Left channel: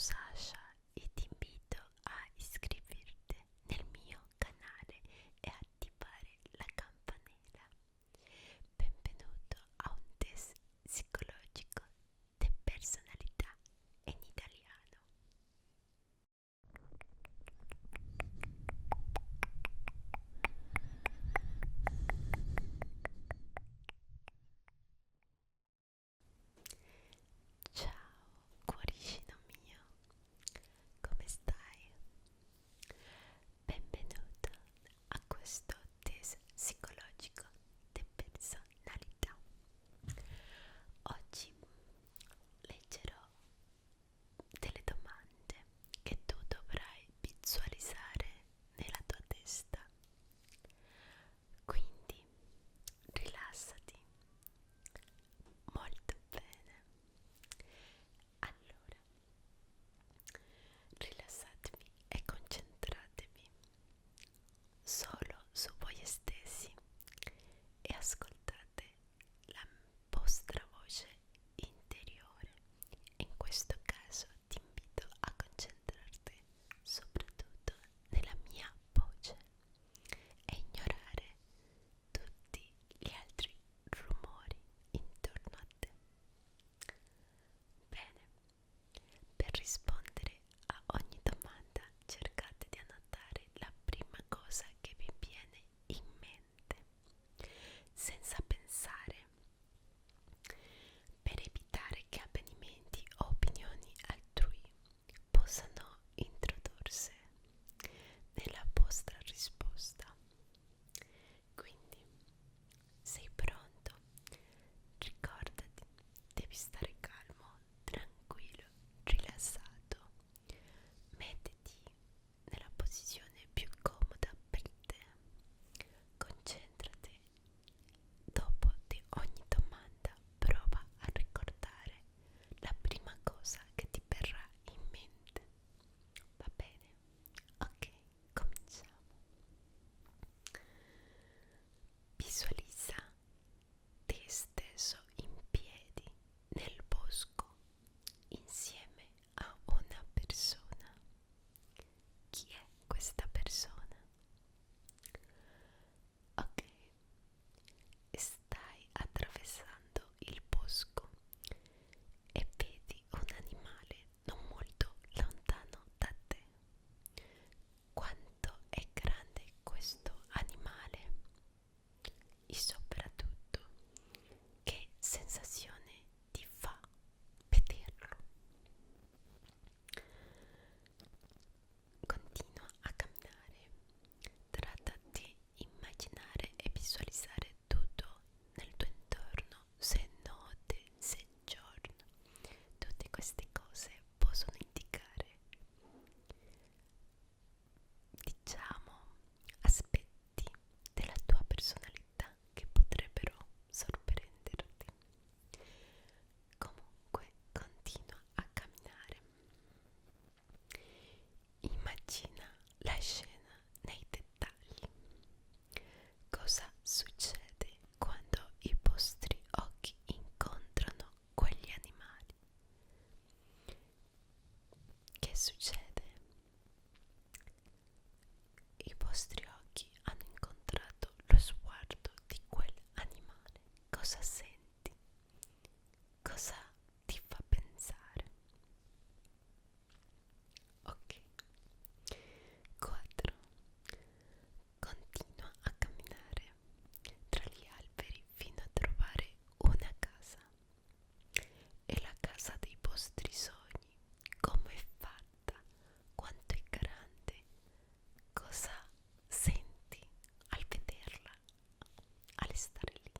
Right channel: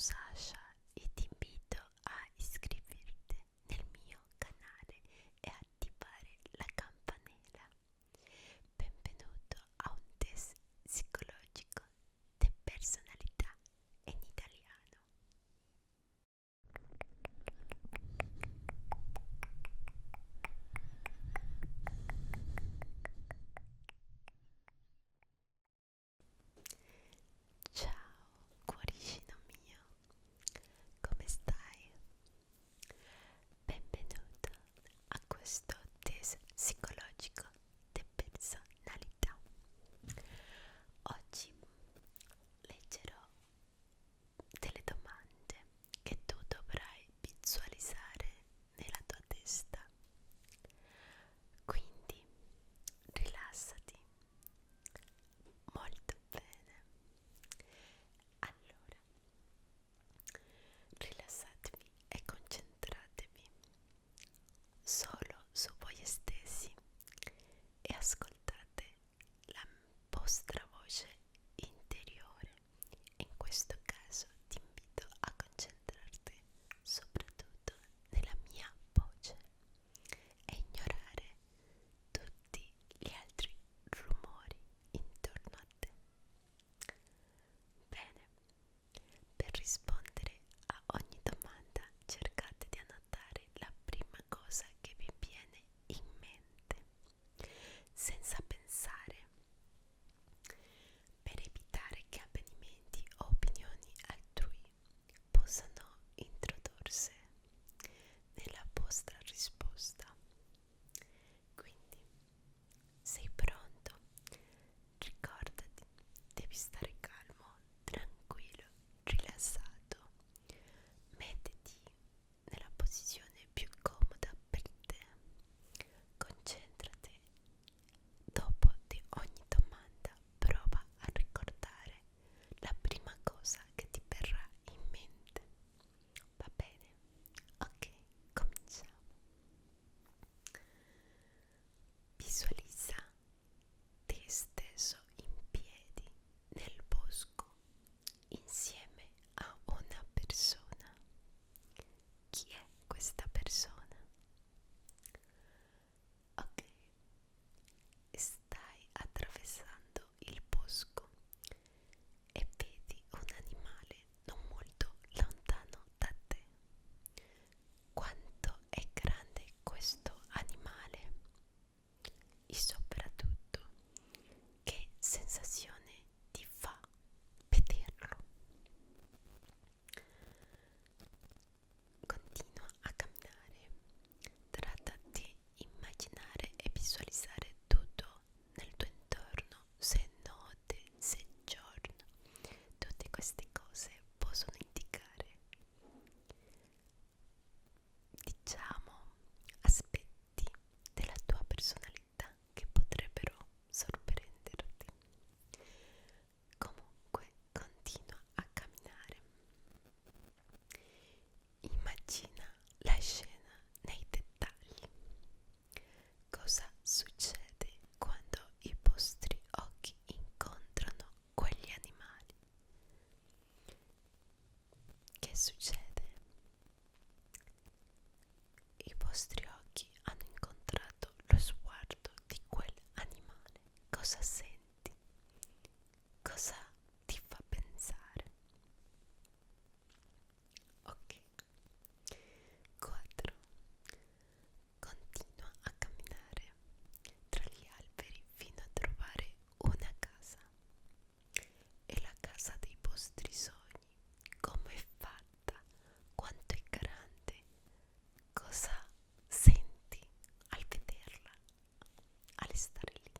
Sasha e ti invito a iscriverti nel mio canale e attivare la campanella. Benvenuto a un test psicologico di personalità in italiano. Ciao, cuoricino mio, come stai? Benvenuto a questo test psicologico di personalità. Oggi leggerò delle domande che tu dovrai visualizzare nella tua testa. Quindi rilassati molto bene. Allora, rilassatevi e concentratevi solo su voi stessi e ascoltate la vostra voce interiore. In questo caso ti invito a concentrarti soprattutto nella mia voce e ignorare tutti gli altri rumori intorno a te. Bene, per rispondere a ogni domanda cercate di annotare la prima cosa che vi viene in mente, senza pensare, per evitare che avvenimenti o opinioni altrui possano introdursi nella vostra risposta. Quindi, sei pronto? Ricordati, devi stare calmo, tranquillo, rilassato. Mettiti nella posizione più comoda per te. Concentrati. Dopo di ogni domanda prova a ricordare la prima cosa che ti verrà in mente. Va bene? Ok, cominciamo. Visualizza te stesso in piedi nel bosco insieme a una persona. Chi è questa persona? Ok, stai attraversando il bosco e vedi un animale non molto lontano da te. Quanto è grande questo animale e soprattutto che sensazione ti fa vederlo. Continua a camminare. Tratta di immaginare e visualizzare tutto nel tuo intorno, se è notte, se è giorno. Tutte queste cose possono indicare, diciamo, aspetti della tua personalità che potrebbero sorprenderti. Comunque, continua a camminare. Immagina la scena nei dettagli. Cosa succede quando i vostri occhi incontrano quegli animali? Che succede? I vostri occhi hanno incontrato lo sguardo di quell'animale. Cosa senti? Cosa ti fa pensare? Ok. 4. Continua a camminare tra gli alberi fino a trovare una casa. È la casa dei vostri sogni. Come è fatta? Quanto è grande? Cosa senti al vederla, al stare lì?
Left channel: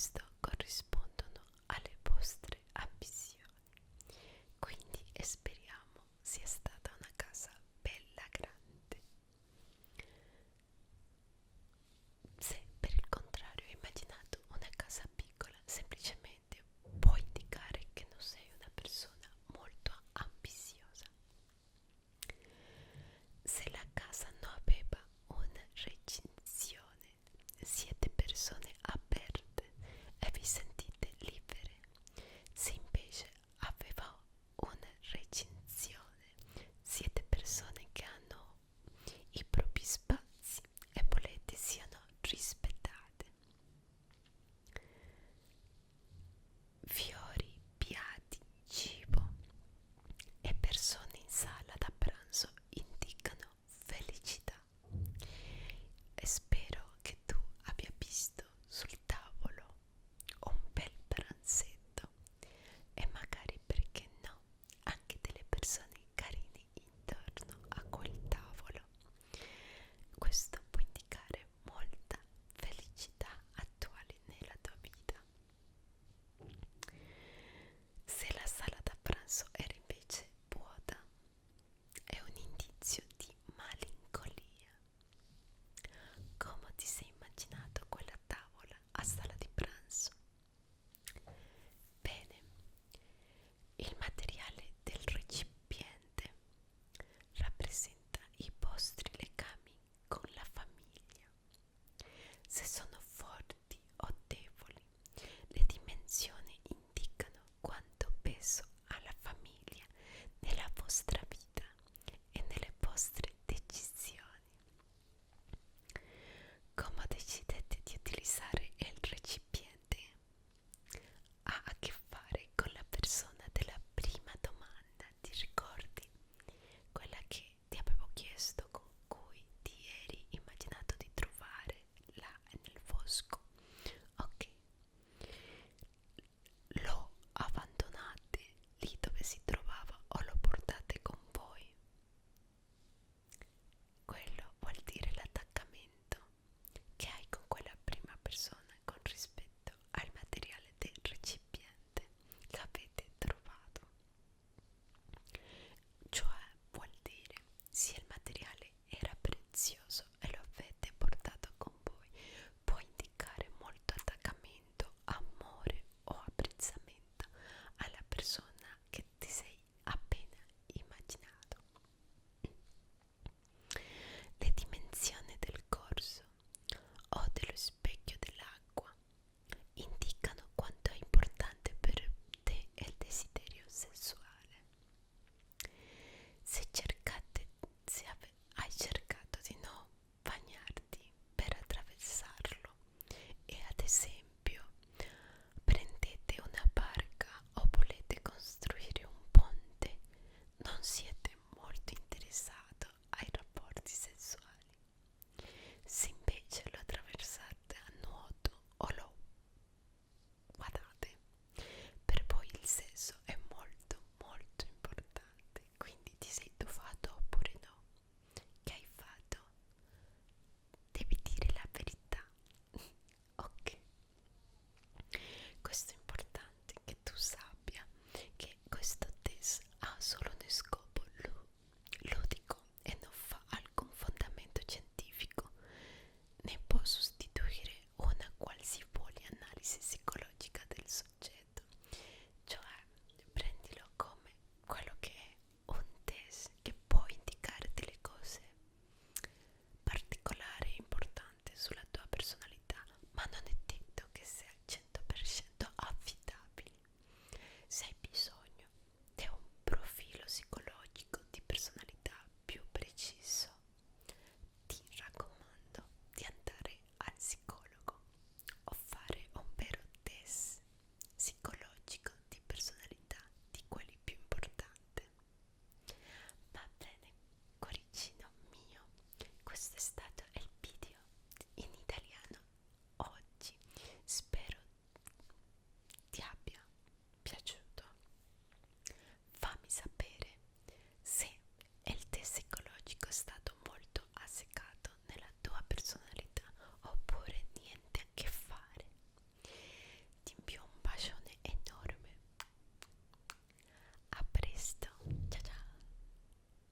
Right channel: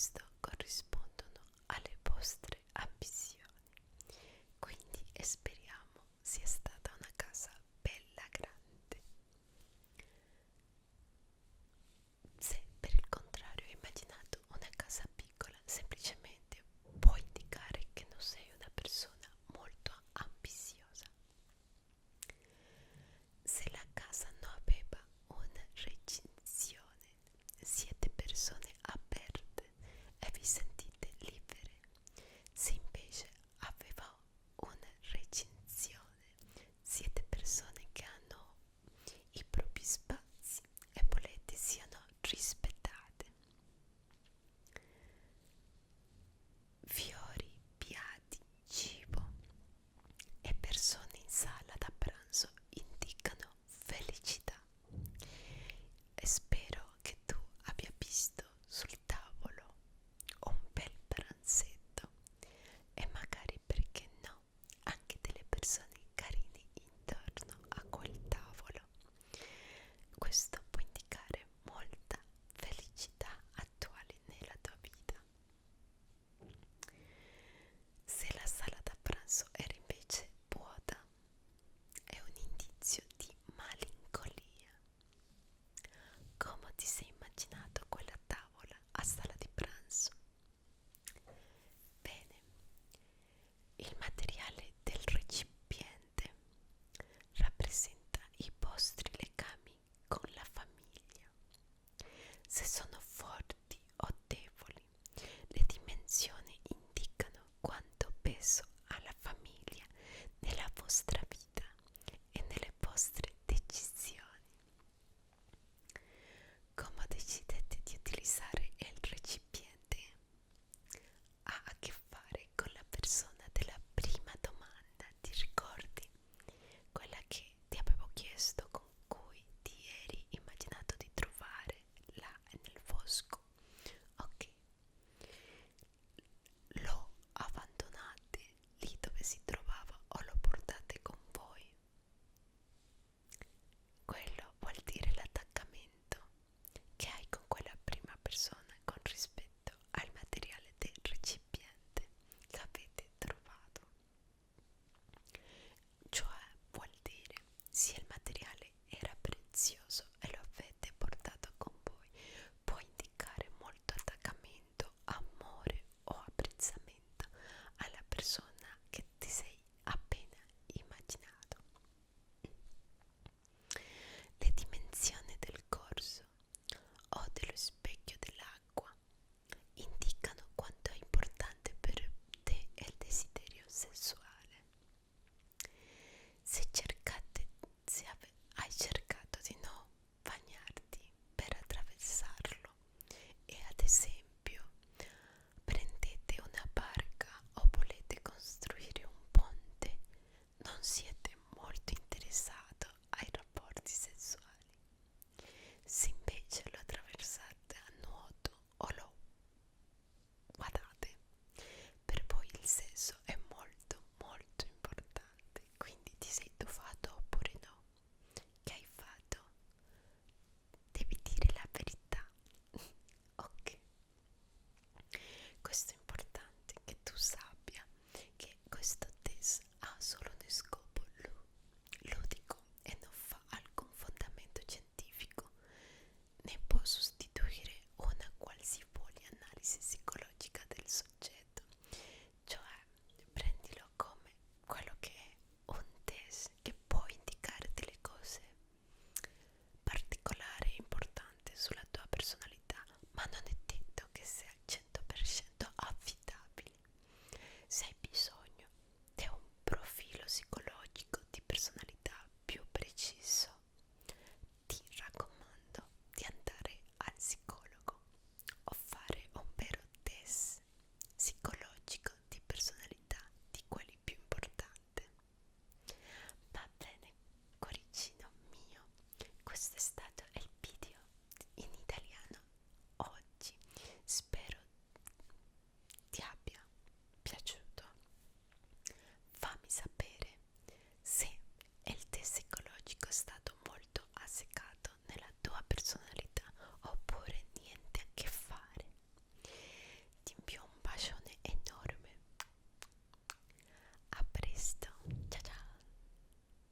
questo corrisponde